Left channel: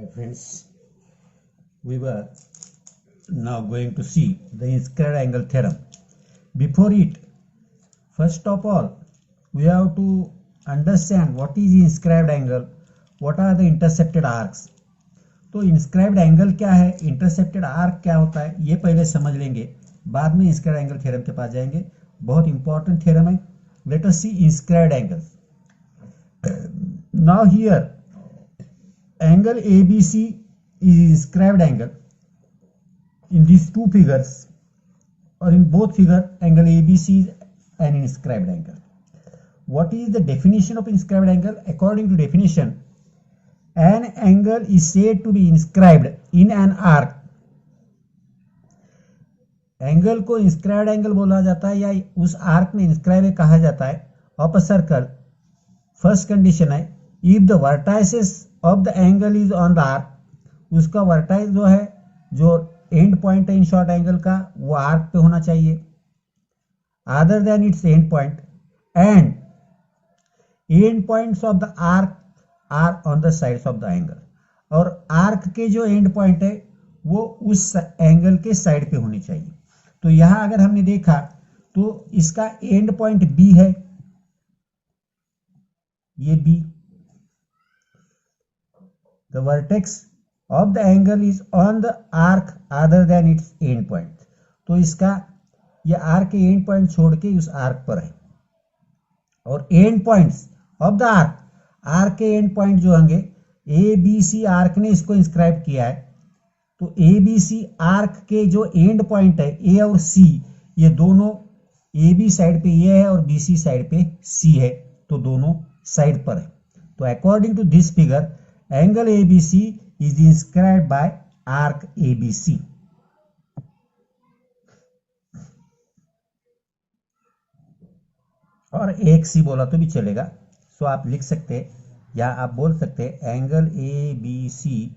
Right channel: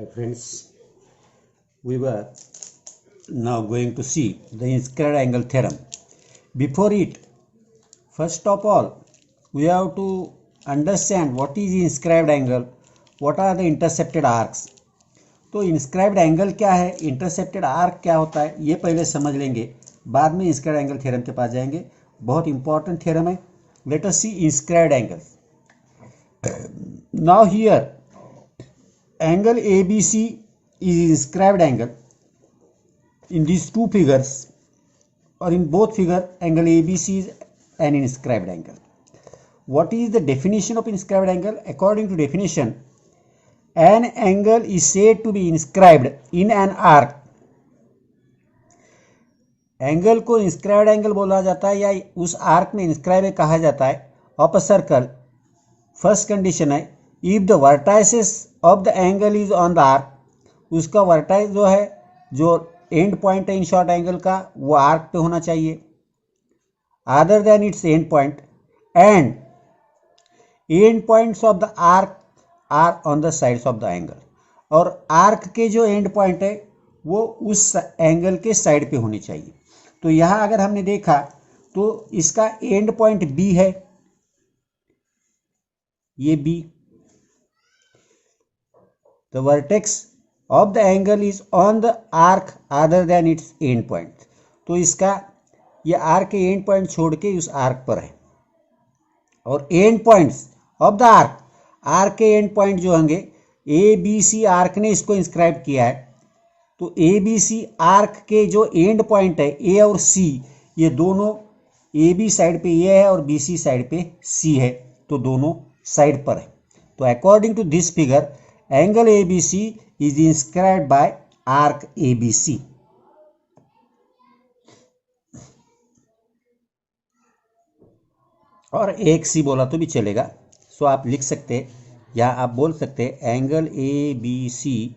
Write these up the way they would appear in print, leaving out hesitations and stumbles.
Hi friends, we were now going to see the inscribed angle theorem. Before it, first of all, we have to understand what is inscribed angle, what are the intercepted arcs. तो inscribed angle क्या है, intercepted arc क्या होता है, ये पहले समझ लेंगे, बाद में inscribed angle theorem के पास जाएंगे. बहुत important theorem है. Let us see inscribed angle. Now here angle ABC is inscribed angle in these two figures, or in both figure angle ABC is an inscribed angle. What is the definition of inscribed angle? According to definition, an angle is said to be inscribed in an arc. Angle को inscribed angle बोला जाता है या उस arc में inscribe कहा जाता है of a circle. First condition है if the vertices of the angle is on the arc, उसका वर्टाइस जो है, जो एंड पॉइंट है इन शॉर्ट एंगल का, वो आर्क पे होना चाहिए other than its end point, end end points of the arc are on the sides of the angle. और आर्क के जो एंड पॉइंट है वो उस एंगल के साइड पे होनी चाहिए. तो यहां अगर हमने देखा तो इसका एंड पॉइंट बी है, ये B. The vertex of the angle is on the arc other than its end point. तो इसका ये आर्क के एंड पॉइंट छोड़ के उस आर्क पर है. और and points of the arc, arc के एंड पॉइंट जो होंगे, ए बी सी आर्क ने इसको इंस्क्राइब किया है. तो ए बी सी आर्क के जो एंड पॉइंट है ए और सी, ये दोनों ए बी साइड पे ये है और बी सी साइड पे सी है, तो दोनों साइड पर है. तो according to this figure angle A B C is inscribed by arc A B C. और एक सी बोला तो भी चलेगा. सो आप लिख सकते या आप बोल सकते angle A B C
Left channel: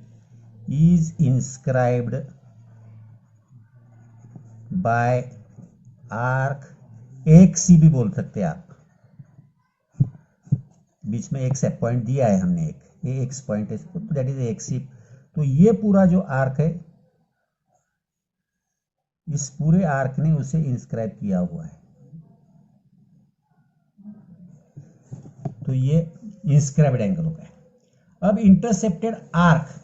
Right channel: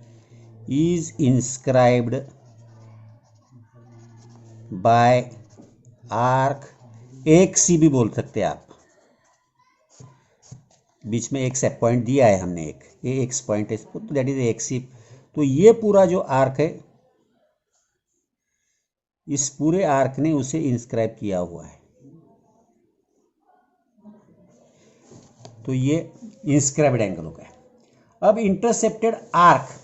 is inscribed by arc, एक सी भी बोल सकते हैं आप, बीच में एक सेट पॉइंट दिया है हमने, एक एक्स पॉइंट है, दैट इज एक सी. तो ये पूरा जो आर्क है, इस पूरे आर्क ने उसे इंस्क्राइब किया हुआ है. तो ये इंस्क्राइब्ड एंगल हो गया. अब इंटरसेप्टेड आर्क,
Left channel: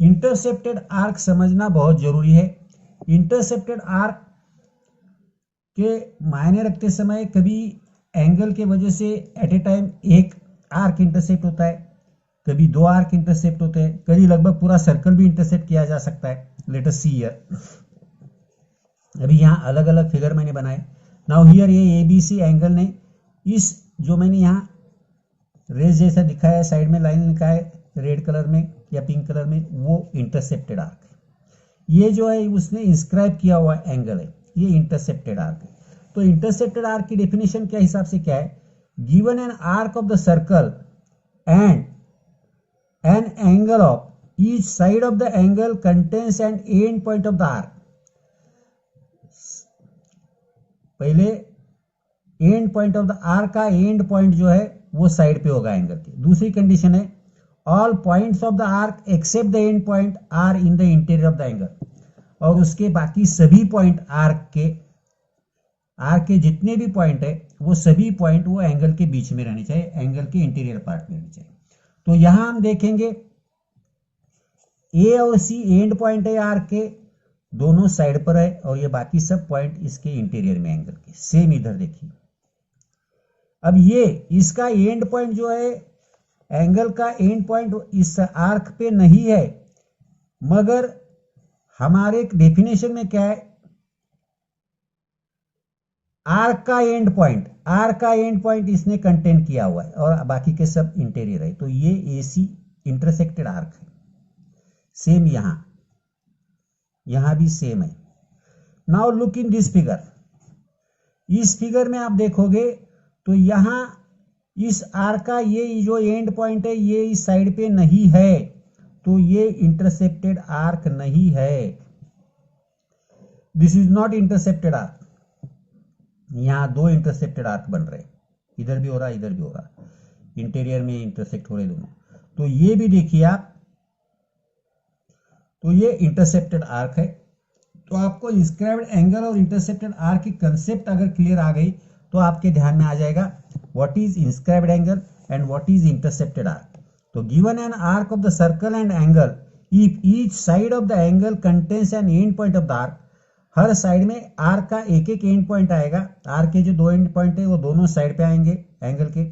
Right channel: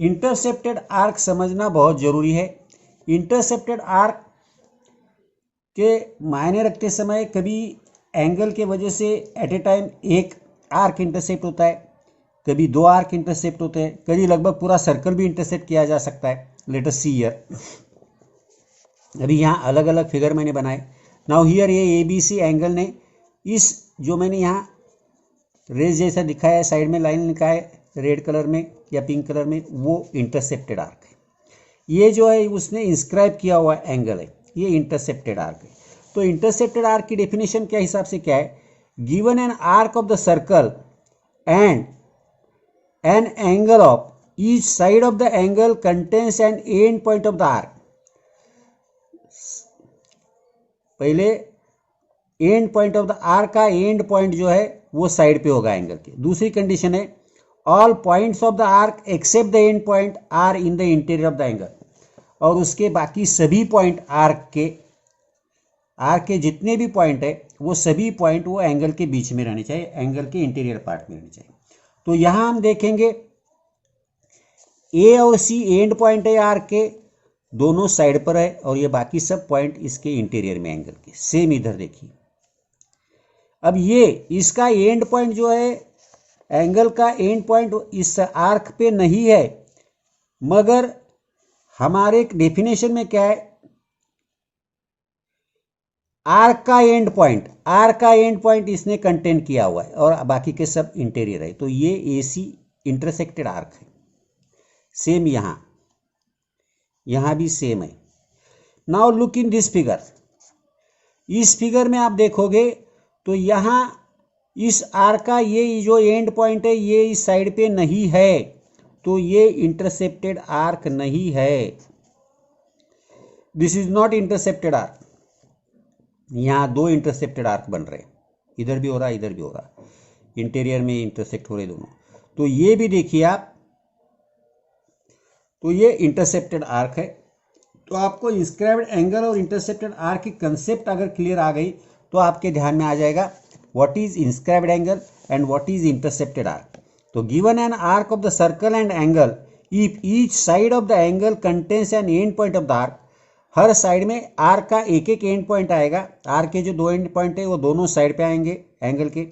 इंटरसेप्टेड आर्क समझना बहुत जरूरी है. इंटरसेप्टेड आर्क के मायने रखते समय कभी एंगल के वजह से एट ए टाइम एक आर्क इंटरसेप्ट होता है, कभी दो आर्क इंटरसेप्ट होते हैं, कभी लगभग पूरा सर्कल भी इंटरसेप्ट किया जा सकता है. Late us see here. अभी यहाँ अलग अलग फिगर मैंने बनाए. नाउ हियर ये ए बी सी एंगल ने इस जो मैंने यहाँ रेज जैसा दिखाया है, साइड में लाइन लिखा है रेड कलर में या पिंक कलर में, वो इंटरसेप्टेड आर्क है. ये जो है उसने इंस्क्राइब किया हुआ एंगल है, ये इंटरसेप्टेड आर्क है. तो इंटरसेप्टेड आर्क की डेफिनेशन क्या हिसाब से क्या है, given an arc of the circle and an angle of each side of the angle contains an end point of the arc. पहले end point of the arc का एंड पॉइंट जो है वो साइड पे होगा एंगल के. दूसरी condition है all points of the arc except the end point are in the interior of the angle. और उसके बाकी सभी पॉइंट आर्क के जितने भी पॉइंट है वो सभी पॉइंट वो एंगल के बीच में रहने चाहिए, एंगल के इंटीरियर पार्ट में रहने चाहिए. तो यहां हम देखेंगे ए और सी एंड पॉइंट है आर्क के, दोनों साइड पर है, और ये बाकी सब पॉइंट इसके इंटीरियर में एंगल के. सेम इधर देखिए. अब ये इसका एंड पॉइंट जो है, एंगल का एंड पॉइंट इस आर्क पे नहीं है, मगर हमारे डेफिनेशन में क्या है, आर्क का एंड पॉइंट इसने कंटेन किया हुआ है और बाकी के सब इंटीरियर है. तो ये एसी इंटरसेक्टेड आर्क है. सेम यहां भी सेम है. Now look in this figure. इस फिगर में आप देखोगे तो यहां इस आर्क का ये जो एंड पॉइंट है ये इस साइड पे नहीं है, तो ये इंटरसेप्टेड आर्क नहीं है. This is not intercepted arc. यहां दो इंटरसेप्टेड आर्क बन रहे हैं, इधर भी हो रहा है, इधर भी हो रहा है, इंटीरियर में इंटरसेक्ट हो रहे दोनों. तो ये भी देखिए आप, तो ये इंटरसेप्टेड आर्क है। तो आपको इंस्क्राइब्ड एंगल और इंटरसेप्टेड आर्क की कंसेप्ट अगर क्लियर आ गई तो आपके ध्यान में आ जाएगा what is inscribed angle and what is intercepted arc. तो given an arc of the circle and angle if each side of the angle contains an end point of the arc, हर साइड में arc का एक एक and point आएगा। Arc के जो दो एंड पॉइंट है वो दोनों साइड पे आएंगे एंगल के।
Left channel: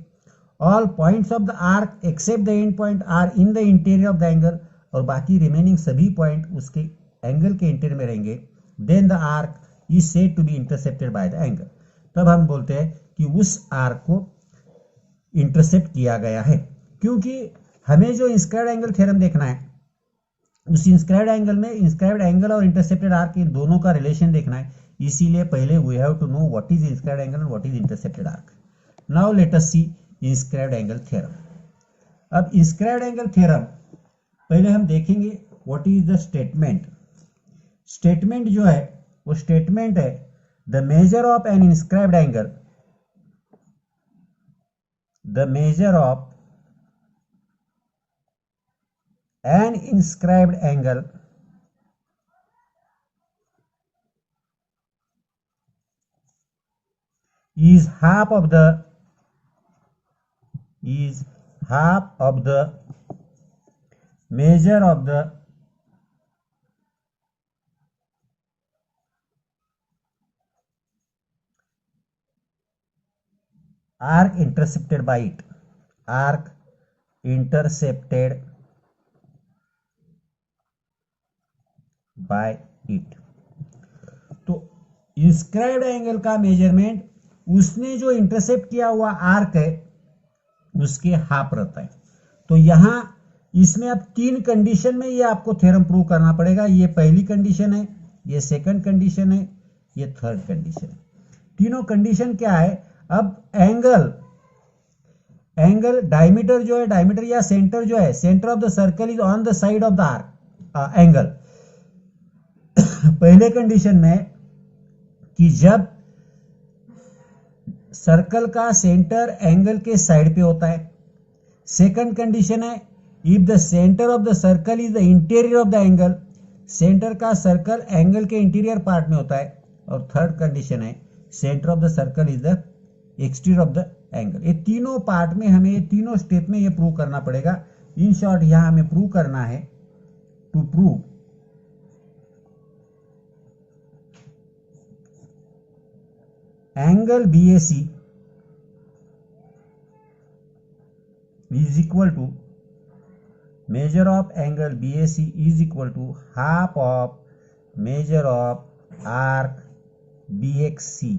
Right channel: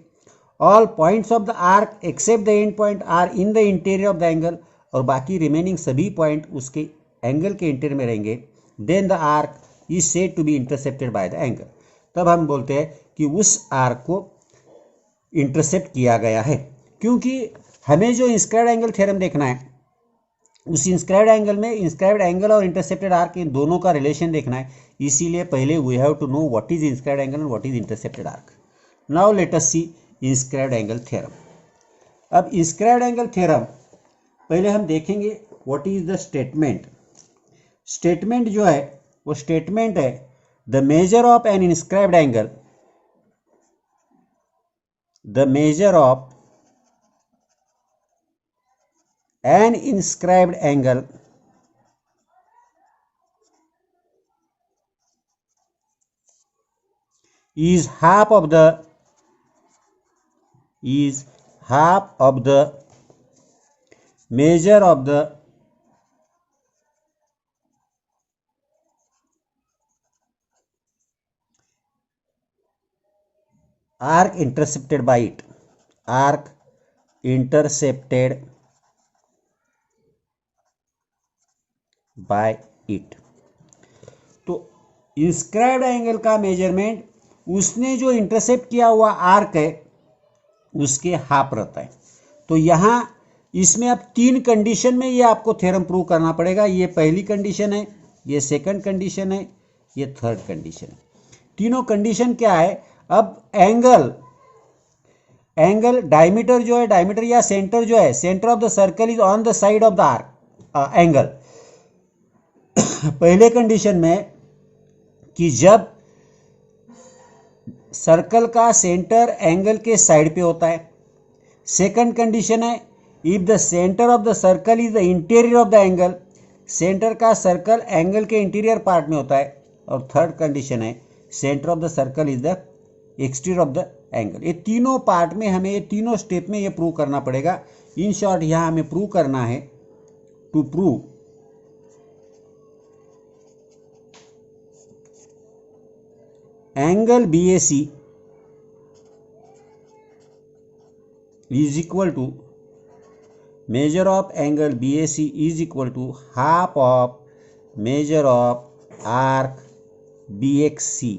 All points of the arc except the end point are in the interior of the angle, और बाकी रिमेनिंग सभी पॉइंट उसके एंगल के इंटीरियर में रहेंगे। Then the arc is said to be intercepted by the angle, तब हम बोलते हैं कि उस आर्क को इंटरसेप्ट किया गया है। क्योंकि हमें जो इंस्क्राइब्ड एंगल थ्योरम देखना है, उस इंस्क्राइब्ड एंगल में इंस्क्राइब्ड एंगल और इंटरसेप्टेड आर्क इन दोनों का रिलेशन देखना है, इसीलिए पहले we have to know what is inscribed angle and what is intercepted arc. Now let us see inscribed angle theorem. अब इंस्क्राइब्ड एंगल थ्योरम पहले हम देखेंगे what is the statement. Statement जो है वो स्टेटमेंट है the measure of an inscribed angle, the measure of an inscribed angle is half of the measure of the arc intercepted by it, arc intercepted by it। तो inscribed angle का measurement उसने जो intercept किया हुआ arc है उसके half रहता है। तो यहां इसमें अब तीन कंडीशन में ये आपको थ्योरम प्रूव करना पड़ेगा। ये पहली कंडीशन है, ये सेकंड कंडीशन है, ये थर्ड कंडीशन है। तीनों कंडीशन क्या है? अब एंगल डायमीटर जो है, डायमीटर या सेंटर जो है, centre of the circle is on the side of the arc angle. पहले कंडीशन में कि जब सर्कल का सेंटर एंगल के साइड पे होता है। सेकंड कंडीशन है if the centre of the circle is the interior of the angle, centre का सर्कल एंगल के इंटीरियर पार्ट में होता है। और थर्ड कंडीशन है centre of the circle is the exterior of the angle. ये तीनों पार्ट में हमें, ये तीनों स्टेप में ये प्रूव करना पड़ेगा। इन शॉर्ट यहां हमें प्रूव करना है to prove angle BAC is equal to measure of angle BAC is equal to half of measure of arc BXC।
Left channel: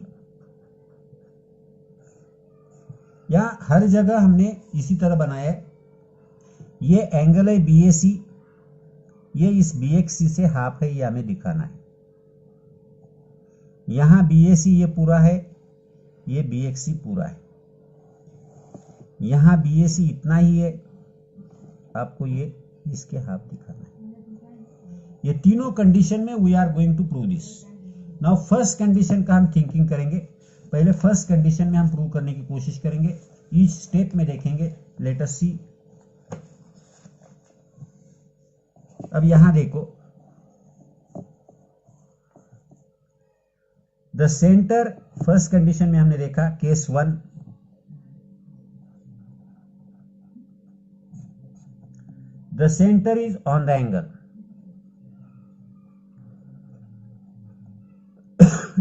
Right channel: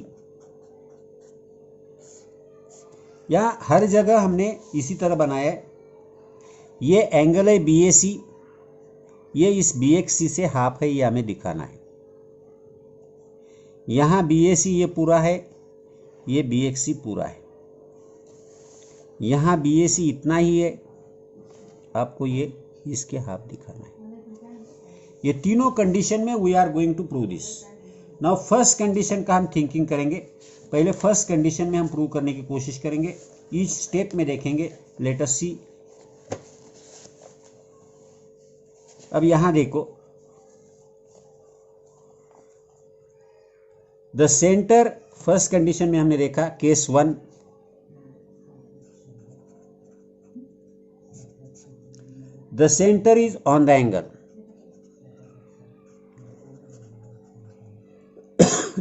या हर जगह हमने इसी तरह बनाया है। ये एंगल है BAC, ये इस BXC से हाफ है, ये हमें दिखाना है। यहां BAC ये पूरा है, ये BXC पूरा है। यहां BAC इतना ही है, आपको ये इसके हाफ दिखाना है। ये तीनों कंडीशन में we are going to prove this. Now first condition का हम थिंकिंग करेंगे। पहले फर्स्ट कंडीशन में हम प्रूव करने की कोशिश करेंगे, ईच स्टेप में देखेंगे। लेट अस सी। अब यहां देखो, द सेंटर, फर्स्ट कंडीशन में हमने देखा case 1, the centre is on the angle,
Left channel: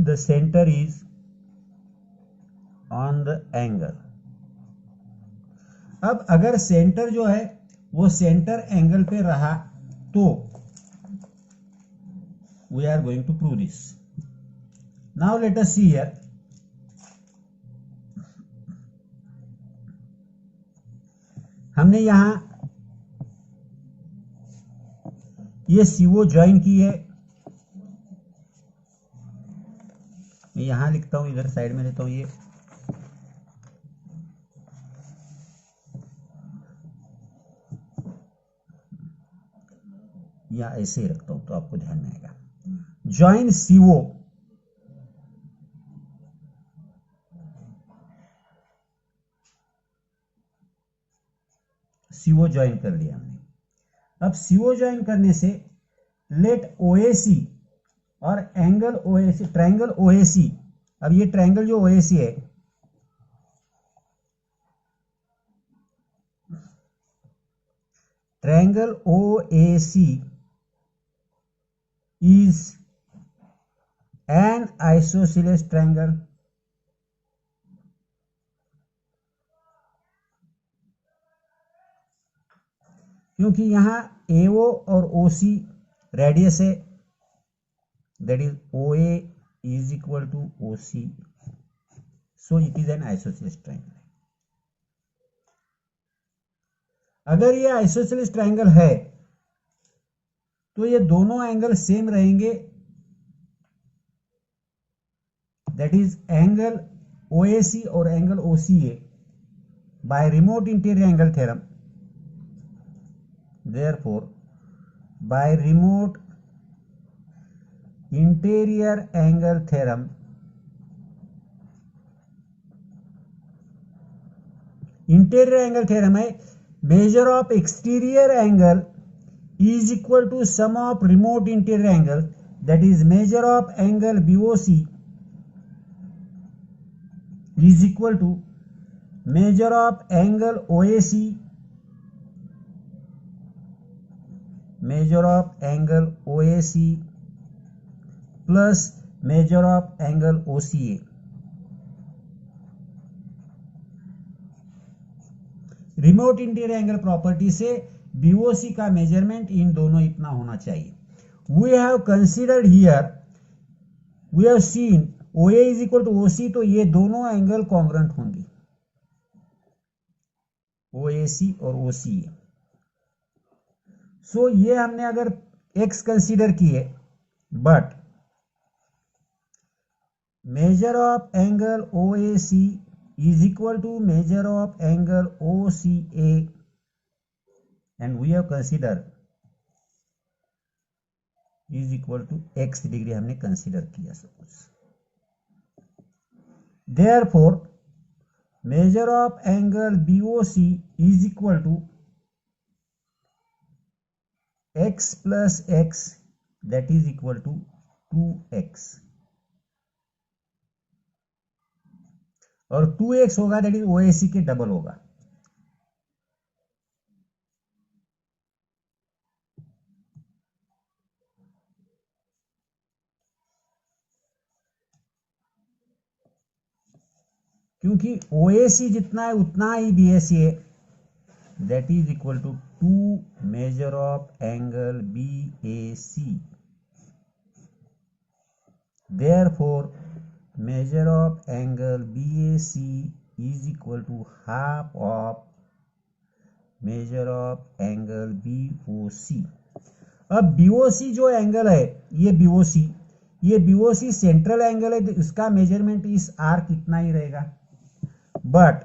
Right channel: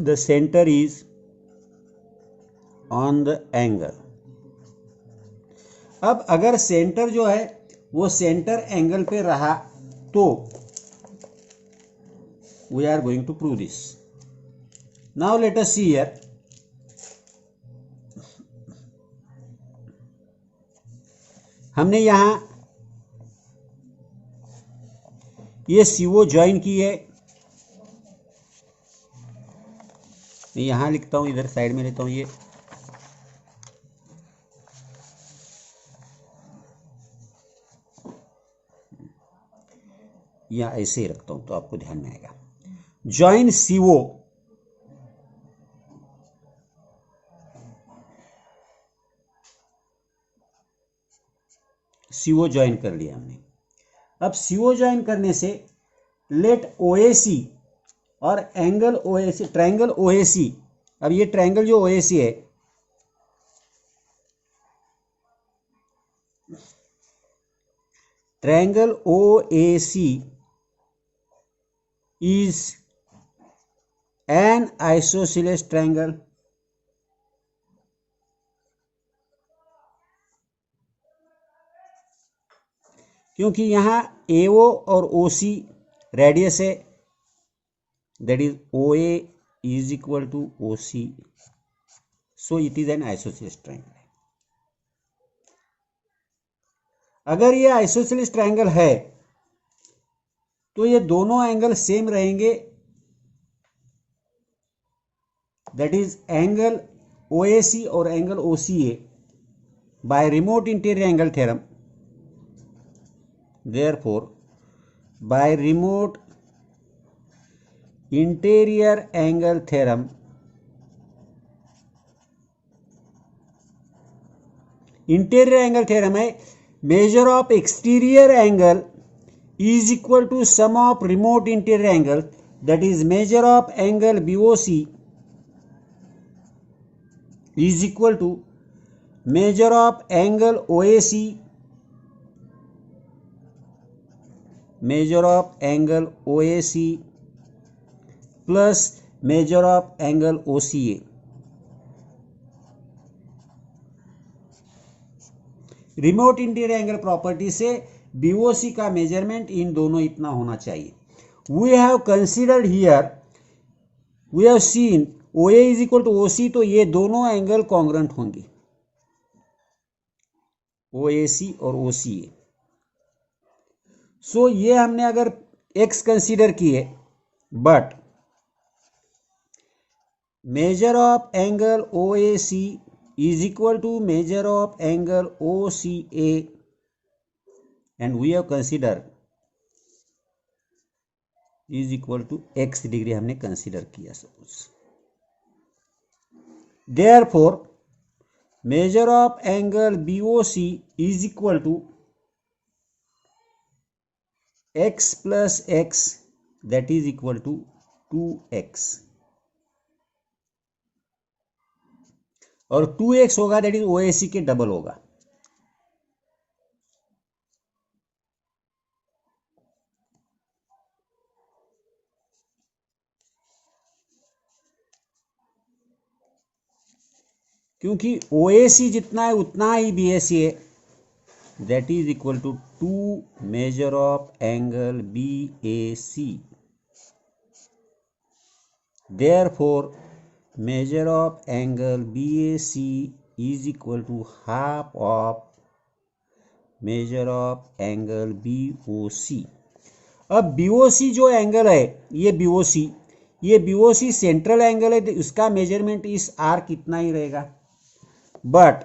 the centre is on the angle. अब अगर सेंटर जो है वो सेंटर एंगल पे रहा तो we are going to prove this. Now let us see here. हमने यहां ये CO ज्वाइन की है। मैं यहां लिखता हूं, इधर साइड में लेता हूं ये। या ऐसे ही रखता हूं तो आपको ध्यान में आएगा। ज्वाइन CO, CO ज्वाइन कर लिया हमने। अब CO ज्वाइन करने से लेट OAC और एंगल OAC, ट्रायंगल OAC, अब ये ट्रायंगल जो OAC है, triangle OAC is an isosceles triangle. क्योंकि यहाँ AO और OC रेडियस है, that is OA is equal to OC, so it is an isosceles triangle. अगर ये आइसोसेलेस ट्रायंगल है तो ये दोनों एंगल सेम रहेंगे, दैट इज एंगल OAC और angle OCA by remote interior angle theorem. Therefore by remote interior angle theorem, interior angle theorem है measure of exterior angle is equal to sum of remote interior angle, that is measure of angle BOC is equal to measure of angle OAC, measure of angle OAC plus measure of angle OCA. Remote interior angle property से BOC का measurement इन दोनों इतना होना चाहिए. We have considered here, we have seen OA is equal to OC, तो ये दोनों एंगल कॉन्ग्रुएंट होंगे, OAC और OCA. सो ये हमने अगर x कंसीडर किए, but measure of angle OAC is equal to measure of angle OCA, and we have considered is equal to x degree हमने कंसीडर किया suppose. Therefore measure of angle BOC is equal to x plus x, that is equal to 2x, और 2x होगा that is OAC के double होगा. क्योंकि OAC जितना है उतना ही BAC है, that is equal to 2 measure of angle BAC. Therefore measure of angle BAC is equal to half of measure of angle BOC. अब BOC जो एंगल है, ये BOC सेंट्रल एंगल है, तो उसका मेजरमेंट इस आर्क इतना ही रहेगा. But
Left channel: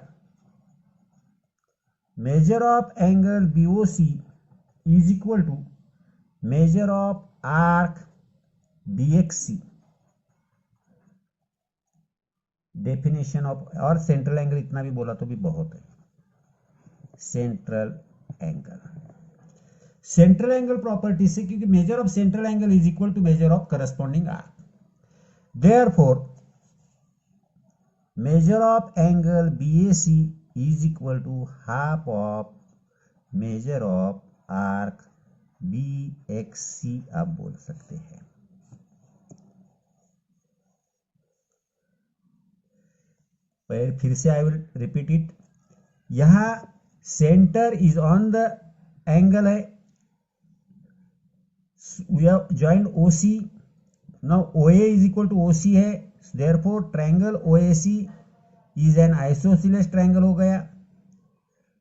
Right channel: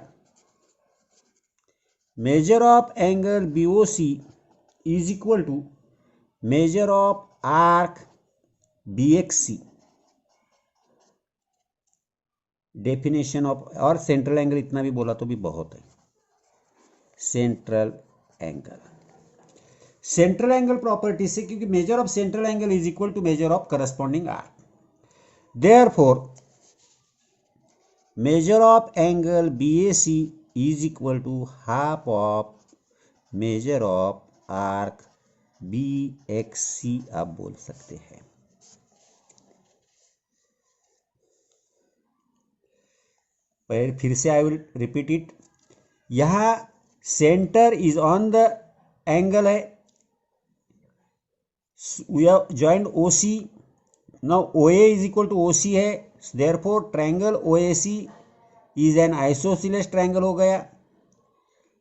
measure of angle BOC is equal to measure of arc BXC. Definition of, और सेंट्रल एंगल इतना भी बोला तो भी बहुत है. सेंट्रल एंगल प्रॉपर्टी से, क्योंकि measure of central angle is equal to measure of corresponding arc. Therefore measure of angle BAC is equal to half of measure of arc BXC आप बोल सकते हैं. फिर से आई विल रिपीट इट. यहां centre is on the angle है, we have joined OC. Now OA is equal to OC है, therefore triangle OAC is an isosceles triangle हो गया.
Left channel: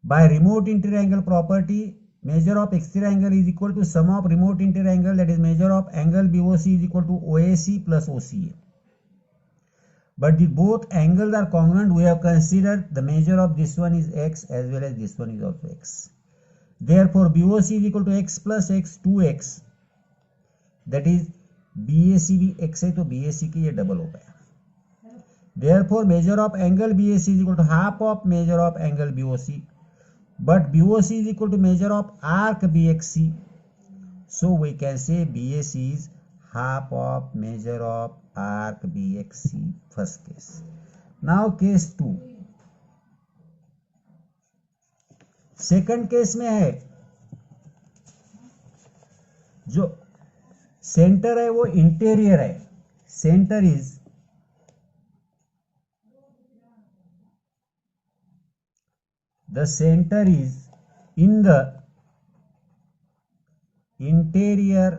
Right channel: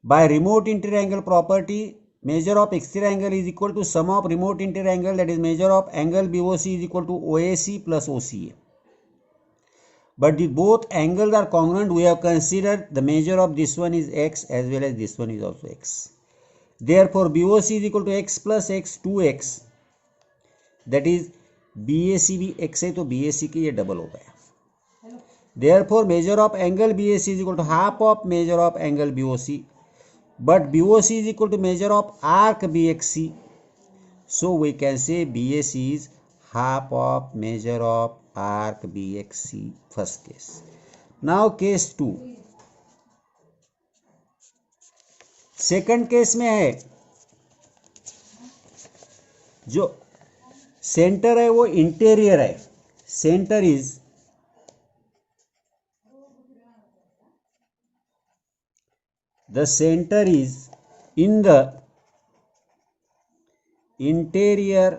By remote interior angle property, measure of exterior angle is equal to sum of remote interior angle, that is measure of angle BOC is equal to OAC plus OCA. But the both angles are congruent. We have considered the measure of this one is x as well as this one is also x. Therefore BOC is equal to x plus x, 2x, that is BAC भी x है, तो BAC की ये double हो गया. Therefore measure of angle BAC is equal to half of measure of angle BOC, but BOC is equal to measure of arc BXC, So we can say BAC is half of measure of arc BXC, first case. Now case 2. Second case में है जो centre है वो interior है. Centre is the center is in the interior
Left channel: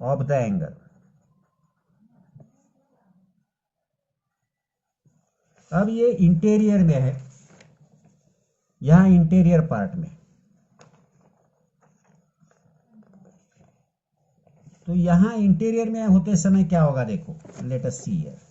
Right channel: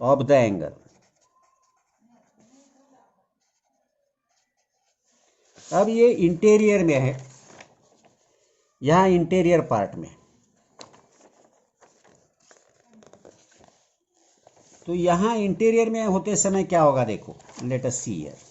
of the angle. अब ये interior में है, यहां इंटीरियर पार्ट में, तो यहां इंटीरियर में होते समय क्या होगा देखो, लेट अस सी हियर.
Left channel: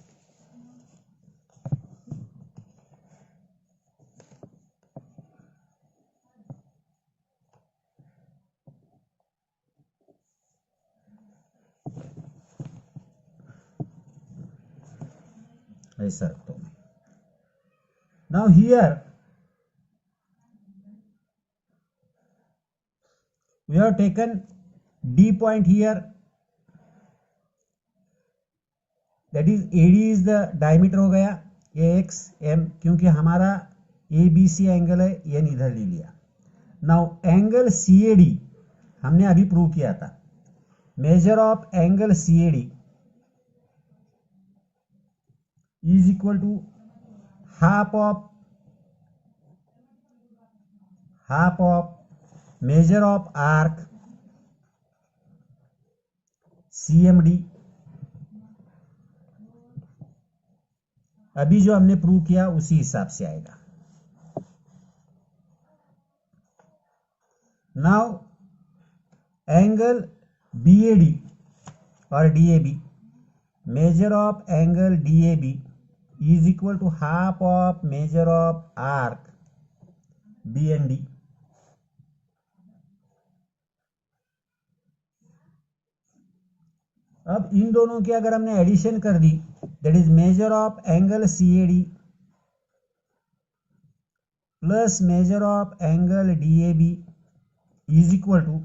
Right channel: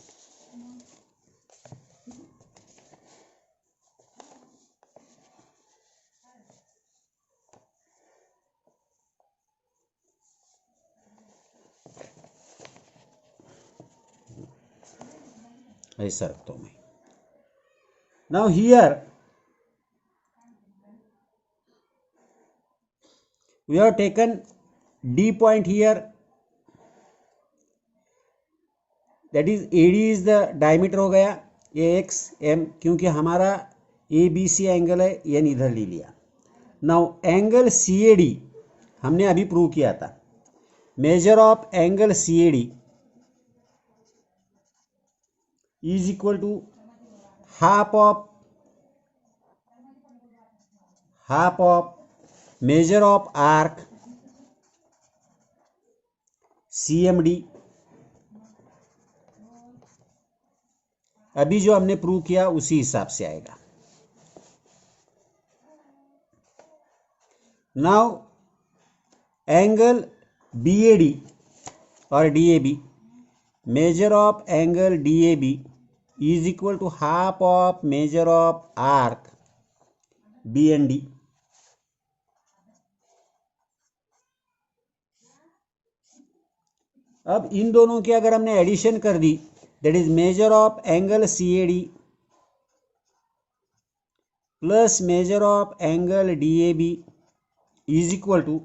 ऐसा रखता हूं मैं. Now here we have taken D point here, that is AD is the diameter हो गया AX M, क्योंकि हमारा ABC एंगल है, एन इधर ले लिया. नाउ एंगल CAD हमने अभी प्रूव किया था. Measure of angle CAD is equal to half of measure of arc CMD. अभी जो हमने प्रूव किया उसी हिसाब से आएगा. नाउ एंगल BAD और DAB, measure of angle DAB is equal to half of measure of arc BND. अब इन दोनों की अगर हमने एडिशन कर दी, that is measure of angle CAD plus measure of angle DAB is equal to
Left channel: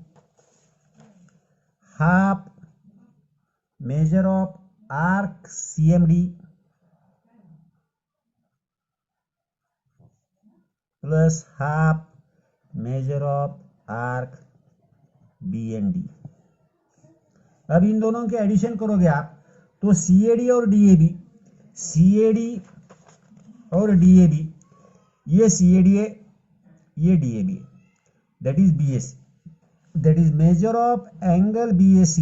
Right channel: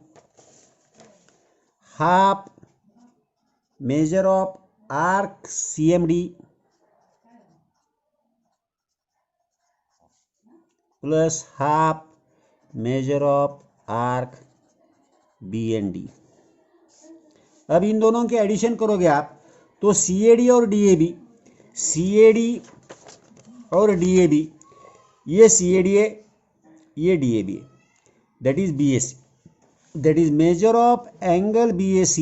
half measure of arc CMD plus half measure of arc BND. अब इन दोनों के एडिशन करोगे आप तो CAD और DAB, ये CAD है, ये DAB है, that is BAC, that is measure of angle BAC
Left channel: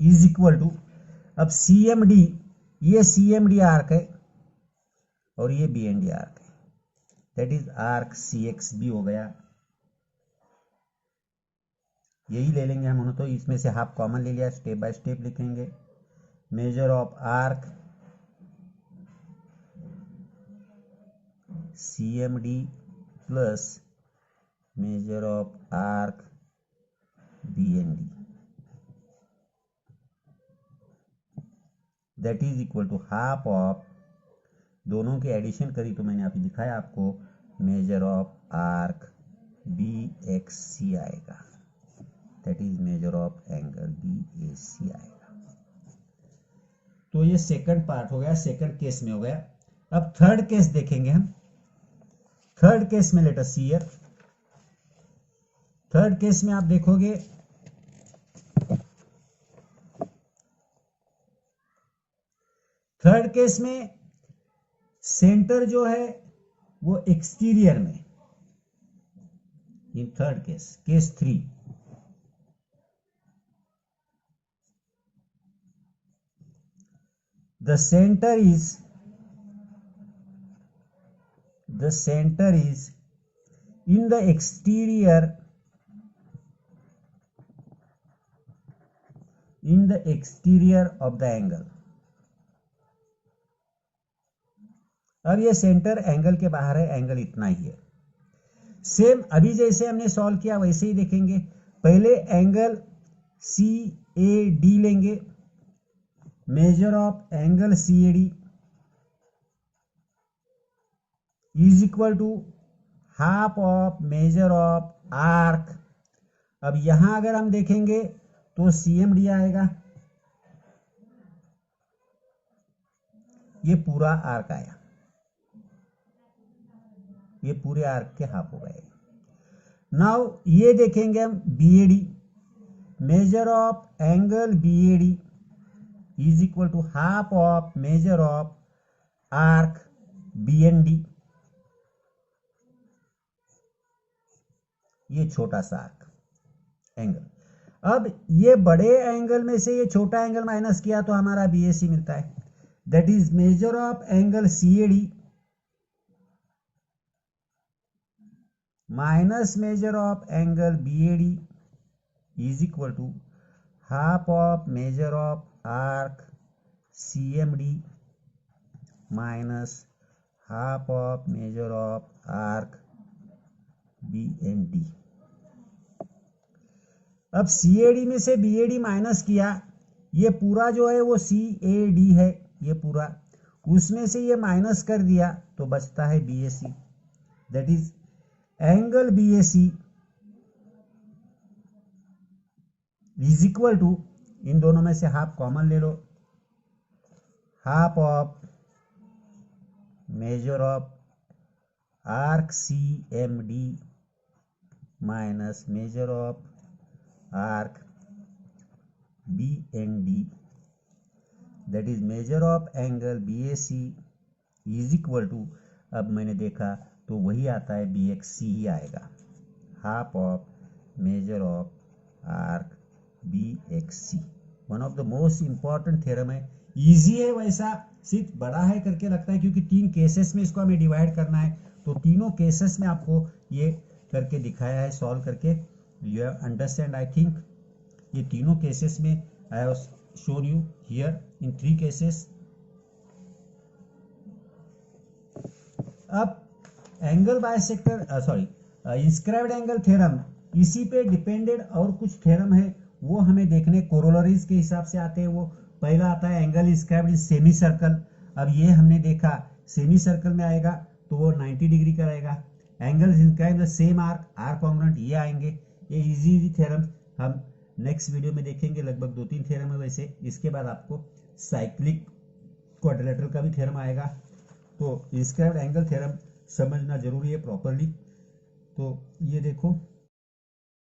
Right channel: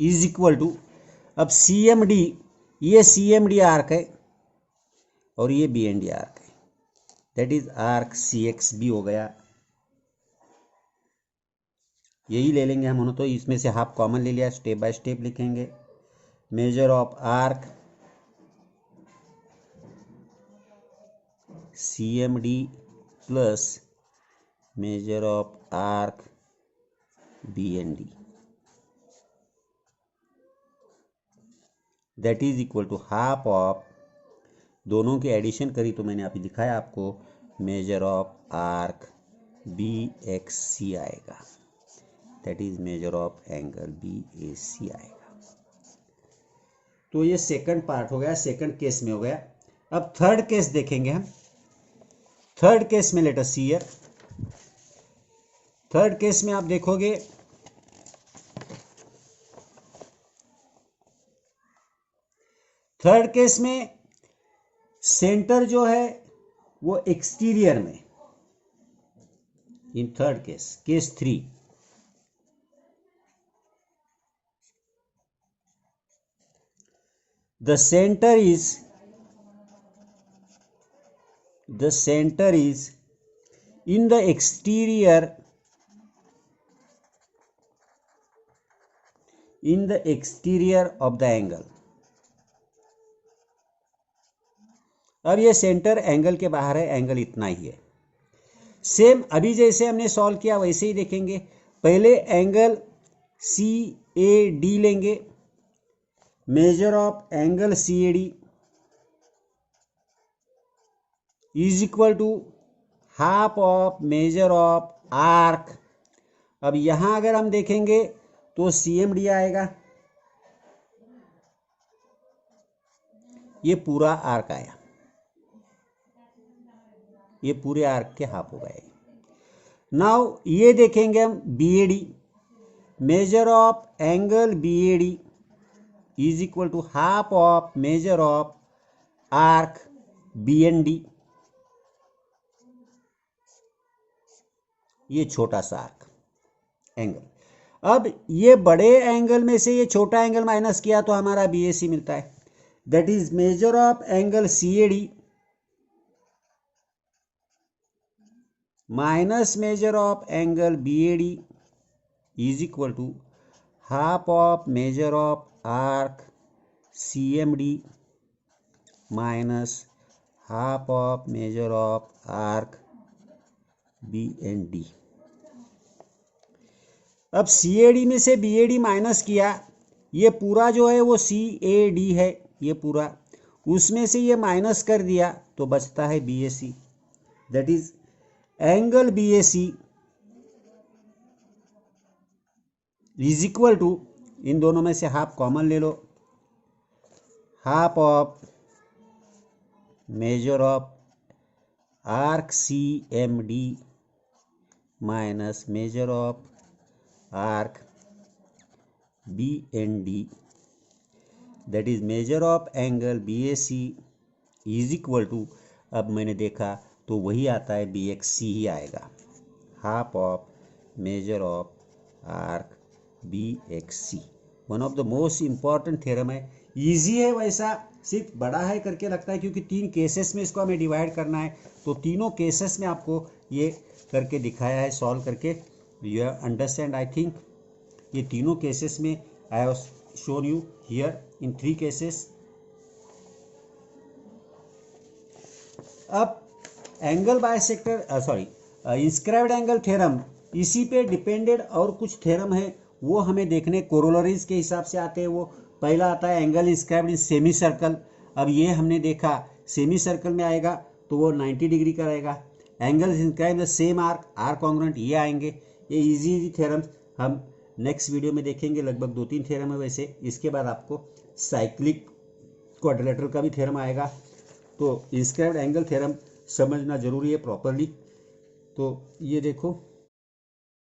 is equal to, अब CMD, ये CMD आर्क है और ये BND आर्क है, दैट इज आर्क CXB हो गया. यही ले लेंगे हम, तो इसमें से हाफ कॉमन ले लिया, स्टेप बाय स्टेप लिखेंगे. Measure of arc CMD plus measure of arc BND, that is equal to half of, दोनों की एडिशन करी तो मैंने अभी दिखाया आपको, मेजर ऑफ आर्क BXC आएगा, that is measure of angle BAC आएगा. तो ये सेकंड पार्ट हो गया, सेकंड केस में हो गया. अब थर्ड केस देखेंगे हम. थर्ड केस में late us see here. Third case में आप देखोगे थर्ड केस में सेंटर जो है वो एक्सटीरियर में. In third case, case 3, the center is in the exterior of the angle. अब ये सेंटर एंगल के बाहर है, एंगल इतना ही है. सेम अभी जैसे हमने सॉल्व किया वैसे ही देखेंगे. पहले एंगल CAD लेंगे, measure of angle CAD is equal to half of measure of arc. अब यहां अगर हम देखेंगे तो CMD आएगा, ये पूरा आर्क आया, ये पूरे आर्क के हाफ हो गए। नाउ ये देखेंगे हम BAD, measure of angle BAD is equal to half of measure of arc BND। ये छोटा सा आर्क एंगल। अब ये बड़े एंगल में से ये छोटा एंगल माइनस किया तो हमारा BAC मिलता है, that is measure of angle CAD minus measure of angle BAD is equal to half of measure of arc CMD minus half of measure of arc BND। अब CAD में से BAD minus किया, ये पूरा जो है वो CAD है, ये पूरा, उसमें से ये माइनस कर दिया तो बचता है BAC, that is angle BAC is equal to, इन दोनों में से हाफ कॉमन ले लो, half of measure of arc CMD minus measure of arc BND, that is measure of angle BAC is equal to, अब मैंने देखा तो वही आता है BXC ही आएगा, half of measure of arc BXC। One of the most important theorem है, easy है, वैसा सिर्फ बड़ा है करके लगता है क्योंकि 3 केसेस में इसको हमें डिवाइड करना है, तो तीनों केसेस में आपको ये करके दिखाया है, सॉल्व करके। यू अंडरस्टैंड आई थिंक, ये तीनों केसेस में I have shown you here in 3 cases. अब angle bisector sorry inscribed angle theorem, इसी पे डिपेंडेड और कुछ थ्योरम है वो हमें देखने, कोरोलरीज के हिसाब से आते हैं। वो पहला आता है angle inscribed in semi circle. अब ये हमने देखा सेमी सर्कल में आएगा तो वो 90 डिग्री का रहेगा। Angle inscribed the same arc, arc congruent, ये आएंगे। ये इजी थ्योरम हम नेक्स्ट वीडियो में देखेंगे, लगभग 2-3 थ्योरम है वैसे। इसके बाद आपको साइक्लिक क्वाड्रिलेटरल का भी थ्योरम आएगा। तो इंस्क्राइब्ड एंगल थ्योरम समझना जरूरी है प्रॉपरली। तो ये देखो